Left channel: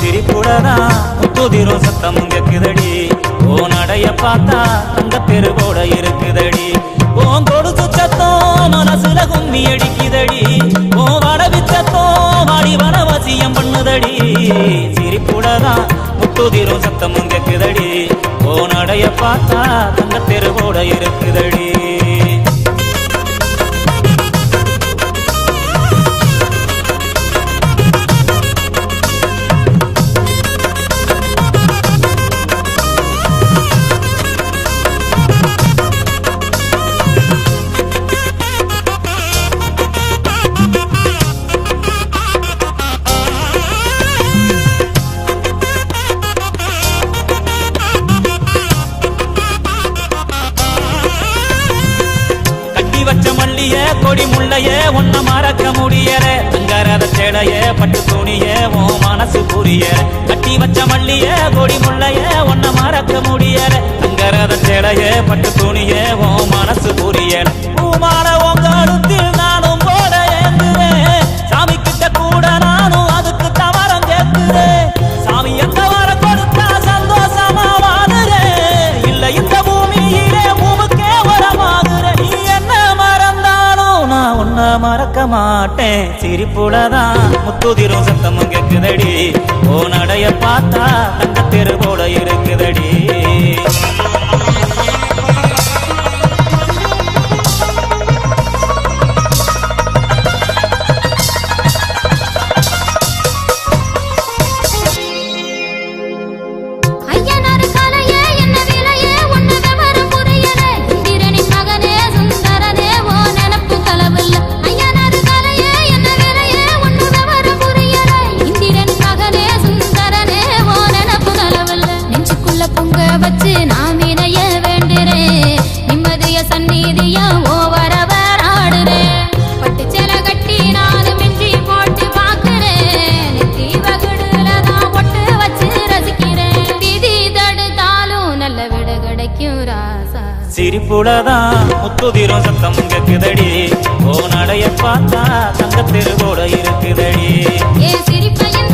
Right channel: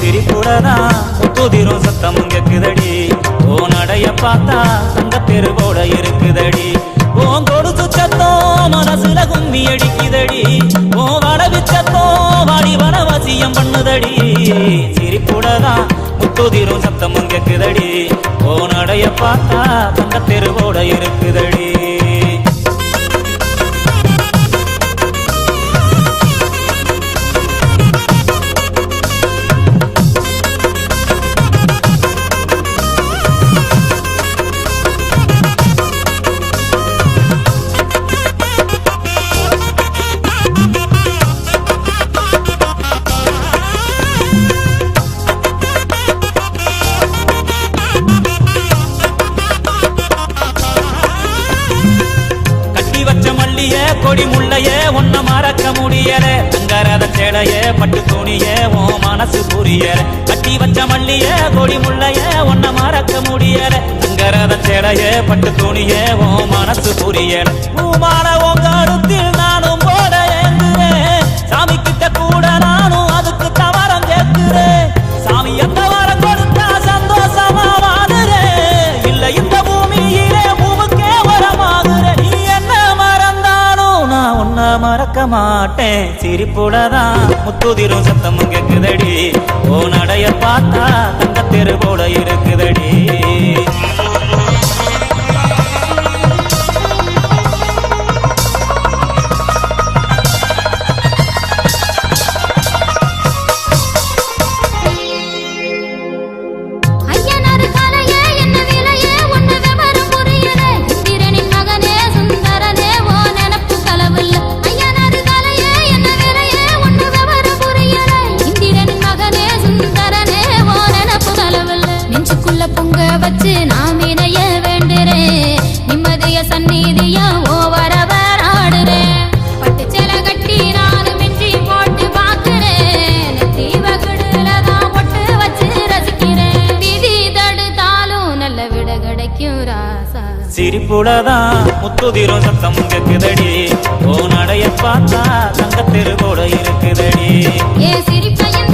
சிரிப்புடதான் முத்துதிரும் சத்தமும் கேக்குதடி ஓ நடைய பார்த்தா தங்க தெருவோட இருக்குதடி ஓன் கொடுத்து சத்தம் மனசுல கும்மி அடிக்குதடி ஓ வடவிச்சத்தம் வாடி வனவாசியம் பண்ணுதடி சிரிப்புடதான் முத்துதிரும் சத்தமும் கேக்குதடி ஓ நடைய பார்த்தா தங்க தெருவோட இருக்குதடி வச்ச மல்லிய கொடி முள்ளைய ஒன்ன மறக்க முடியல தங்கரத சேலைய பட்டு துணிய ஓ மனசு புரியல கட்டி வச்ச மல்லிய கொடி முள்ளைய ஒன்ன மறக்க முடியல தங்கரத சேலைய பட்டு துணிய ஓ மனசு புரியல பூமான உங்க அடுத்தில் நானும் போட ஏங்குறேன் சாமி கிட்ட கூட நானும் அதுக்கு தவறம் கேட்கிறேன் சாமி எந்த வாரம் கொடுத்தா சந்தோஷமா வாடுறேன் இல்ல இந்த பூமியிலே பூமுக்கே வரமாகுறேன் உன்ன மறக்க மாட்டேன் சிரிப்புலதான் முத்துதிரும் சத்தமும் கேக்குதடி ஓ நடைய பார்த்தா தங்க தெரு போல இருக்குதடி பொங்க வச்சு நான் இணைய வேண்டுறேன் நிம்மதிய சந்நிதிய ஓவரவர் ஆடுறேன் பட்டு சேலை கட்டி நானும் மிஞ்சி போட்டு பாக்குறேன் தீவகுடுலதான் பொட்டு வச்சு ரசிக்கிறேன் விதி தடுத்தாலும் நல்ல விட கிடைக்கும் ராசா சிரிப்புலதான் முத்துதிரும் சத்தம் கேக்குதடி ஓ நடைய பார்த்தா தங்க தெருவோட இருக்குதடி ஏ சிரிப்பையும்